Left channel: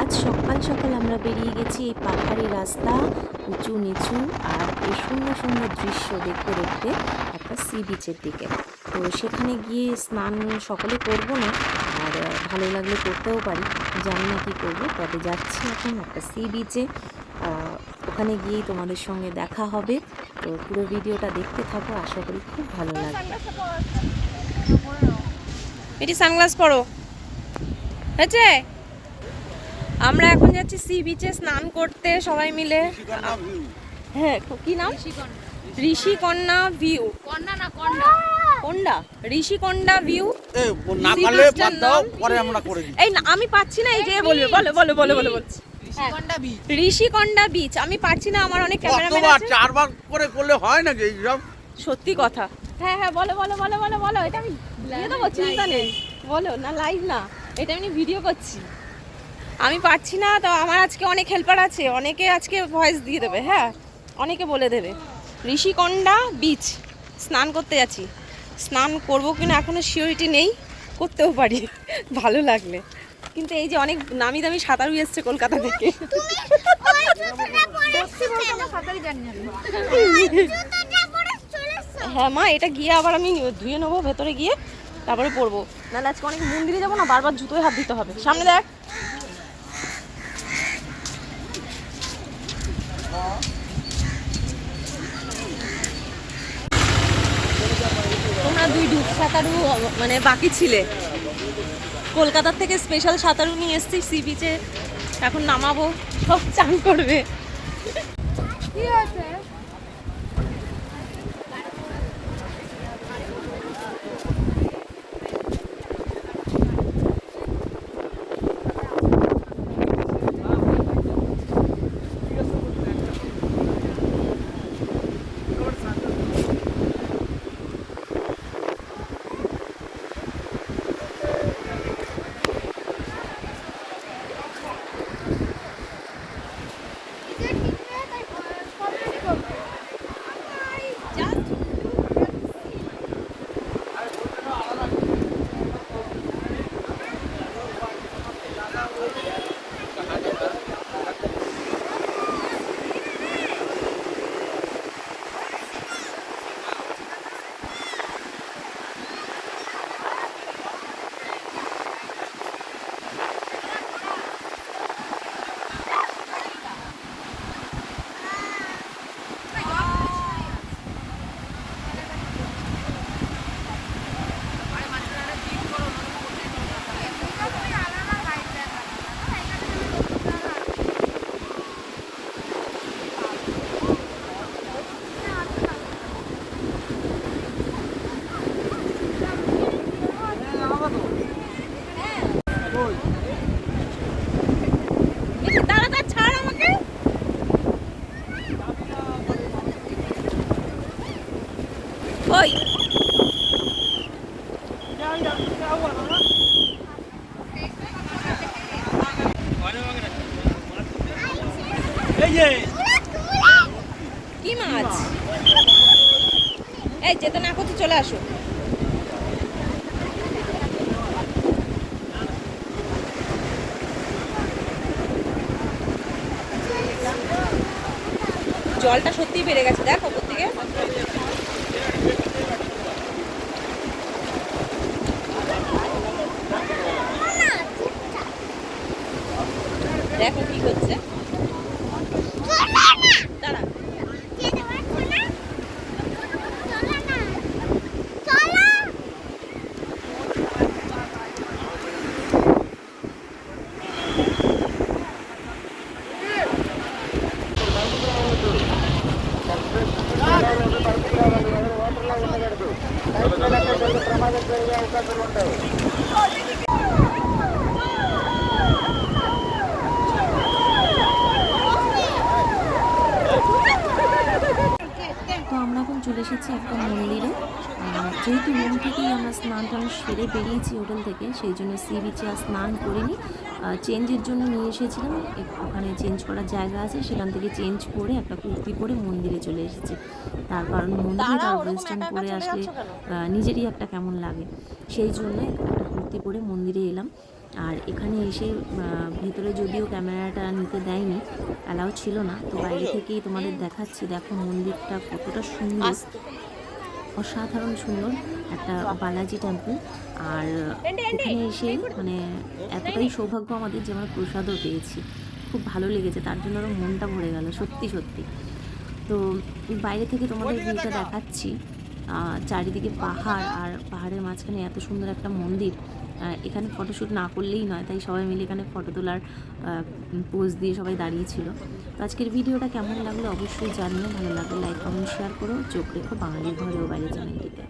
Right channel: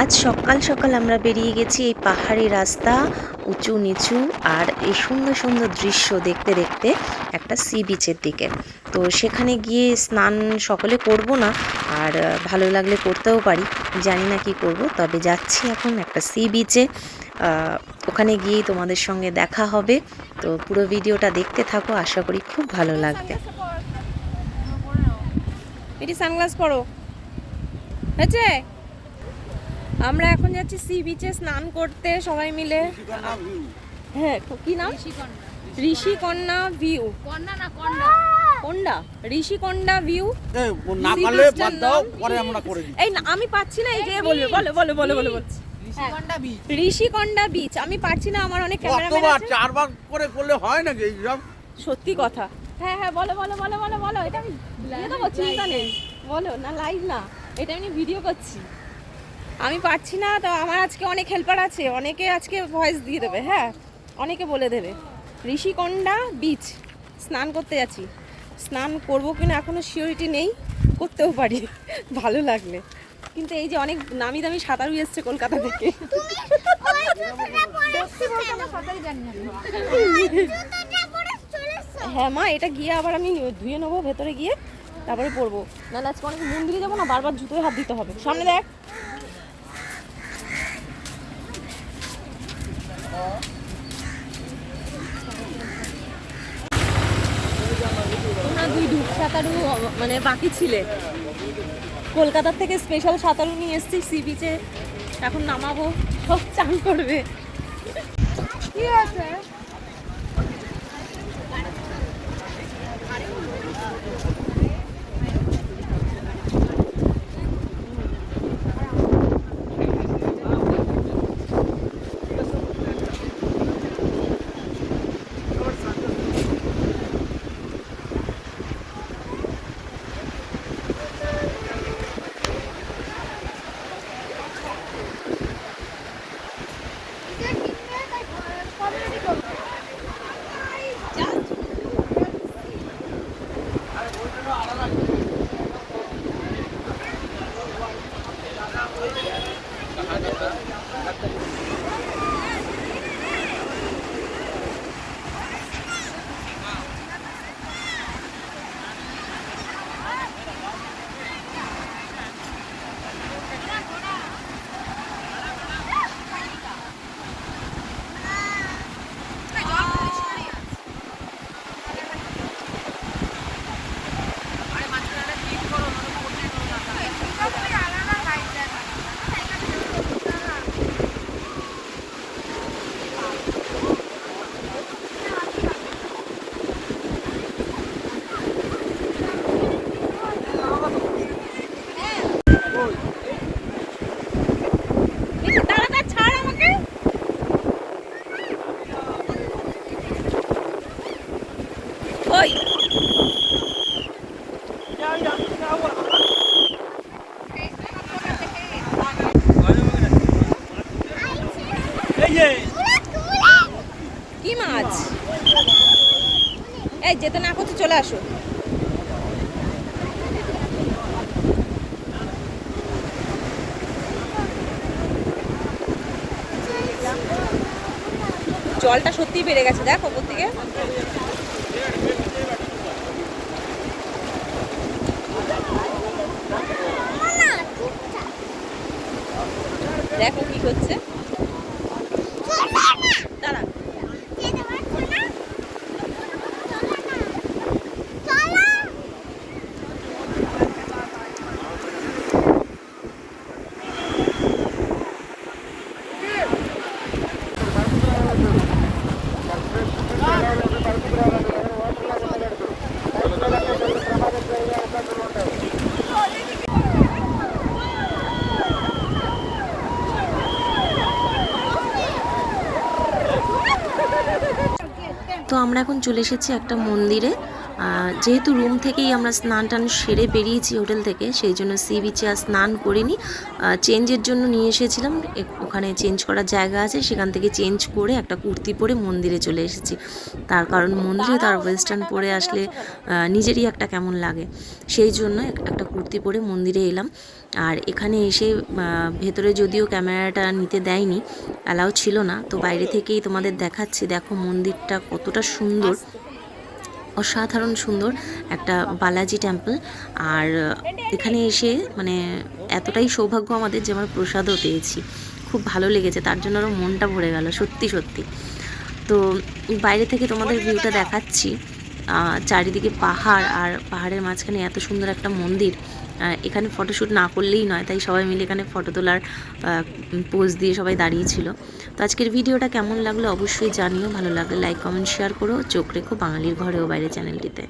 আজ সকাল সকাল আমরা বেরিয়ে গেছি এই পাহাড়ি রাস্তা, উঁচু নিচু আর এই সুন্দর সুন্দর দৃশ্য দেখতে দেখতে একটা সি বিচের দিকে। তো সেখানে গিয়ে স্নান সকলে করব না, আর ভালো লাগলে করতেও পারি, জানি না কি করব, তবে যাচ্ছি এখন একটা সি বিচে। ওখানে গিয়েই তোমাদের সঙ্গে দেখা হবে। তো পুরো ভিডিওটা দেখতে থাকো, আশা করি খুব ভালো লাগবে। এটি সানগ্লাস পরো হয়েছে। আমরা এখন যাচ্ছি সি বিচে স্নান করতে সবাই মিলে। হ্যাঁ, কি নাম? ঋষিকন্যা ভিউ। কন্যা ঋষিকন্যা ভিউ। এই না, আমি পাচ্ছি না, এই যে বলবে, বলো বলো বলো বলো বলো। ঋষিকন্যা বিচ আমি পাচ্ছি না, আমার অনেক ক্যামেরাম্যান আছে। চারবার করে করলে হয় নাকি এইসব? সত্যি কথা। হ্যাঁ হ্যাঁ, বলো বলো বলো বলো বলো। এটা আমি ভিডিও দেবো, চিন্তা নেই, বলো না, লাইভ না, এটা আমি ভিডিও করছি। আমি পারছি না, তো আমার আজকে অনেক হেল্পার আছে, অনেকে আজকে ভয়েস দিয়ে দেবে। হ্যাঁ, অনেকে বলে দেবে। ঋষিকন্যা বিচ স্নান করতে যাচ্ছি। স্নান করবো কিনা এখনো সিওরিটি নেই, করতেও পারি ভালো লাগলে। কিন্তু এই যে অনেক নামি দামি সাঁতারু এসছে কলকাতা থেকে। হ্যাঁ মা, এটা গিয়ে আবার আমি ধুয়ে নেবো ভেতরে গিয়ে, তারপরে পরবো। নাহলে আজকে অনেক মন্দিরে যাবো না, বারবার জুতোয় হাত দিতে হবে। সামনে দেখ, তোমরা দুই ডুব সাঁতারু মানে বাকি ছিলে। কলকাতার থেকে স্পেশাল সাঁতারু নিয়ে এসেছি সি বিচে, এখন নামাবো, সব চান করবে। কি আছে? ওই কি মাছ? এই যেতে না করছি, চলে আসো। জলটা সত্যিই বেড়ে গেছে, দেখো ওপর থেকে। দেখো কি করছে, দাঁড়া। তো আমরা এখন চলে এসেছি একটা মন্দিরে। যেহেতু রুম থেকেই আমরা স্নান টান সেরে বেরিয়েছি হোটেল থেকে, সেই জন্য সি বিচে আর স্নান করিনি। চেঞ্জের জন্য নিয়ে এসেছিলাম, ওখানে চেঞ্জ করার জায়গা আছে, সেখান থেকে চেঞ্জ করে একটা কুর্তি পরে মন্দিরে চলে এসেছি। তার কারণ মন্দিরে তার ওয়েস্টার্ন পরে আসলে নিজেরই একটা কেমন লাগে, সেই জন্য একটা কুর্তি পরে মন্দিরে এলাম। আর এখানে এসে ভেতরে যদিও ক্যামেরাটা নিতে দেয়নি, অ্যালাউ ছিল না, তো বাইরে থেকেই তোমাদের দেখাচ্ছি। দেখো মন্দিরটা কতটা সুন্দর, অসাধারণ সুন্দর একটা বালাজি টেম্পল। আর এখানে এসে মানে এতটাই সৌভাগ্য আমাদের যে আমরা প্রসাদও পেয়েছি, খুব ভালো লেগেছে, তার জন্য আরও মনটা ভরে গেল সত্যি সত্যি। তো বাইরে থেকে তোমাদের ভিউটা দেখাচ্ছি, চারিদিকে পাহাড় আর পাহাড়ের মাঝখানে এত সুন্দর একটা মন্দির। এখানে ফটোশ্যুট না করলেই নয়, তাই সবাই মিলে এখানে ফটো তোলার পোজ দিয়ে সবাই দাঁড়িয়েছিল। তো আজকের ভিডিওটা কেমন লাগলো অবশ্যই জানিও, ভালো লাগলে লাইক কমেন্ট শেয়ার করো, চোখ রেখো বাঙালির ঘরে ও বাইরে চ্যানেলটিতে।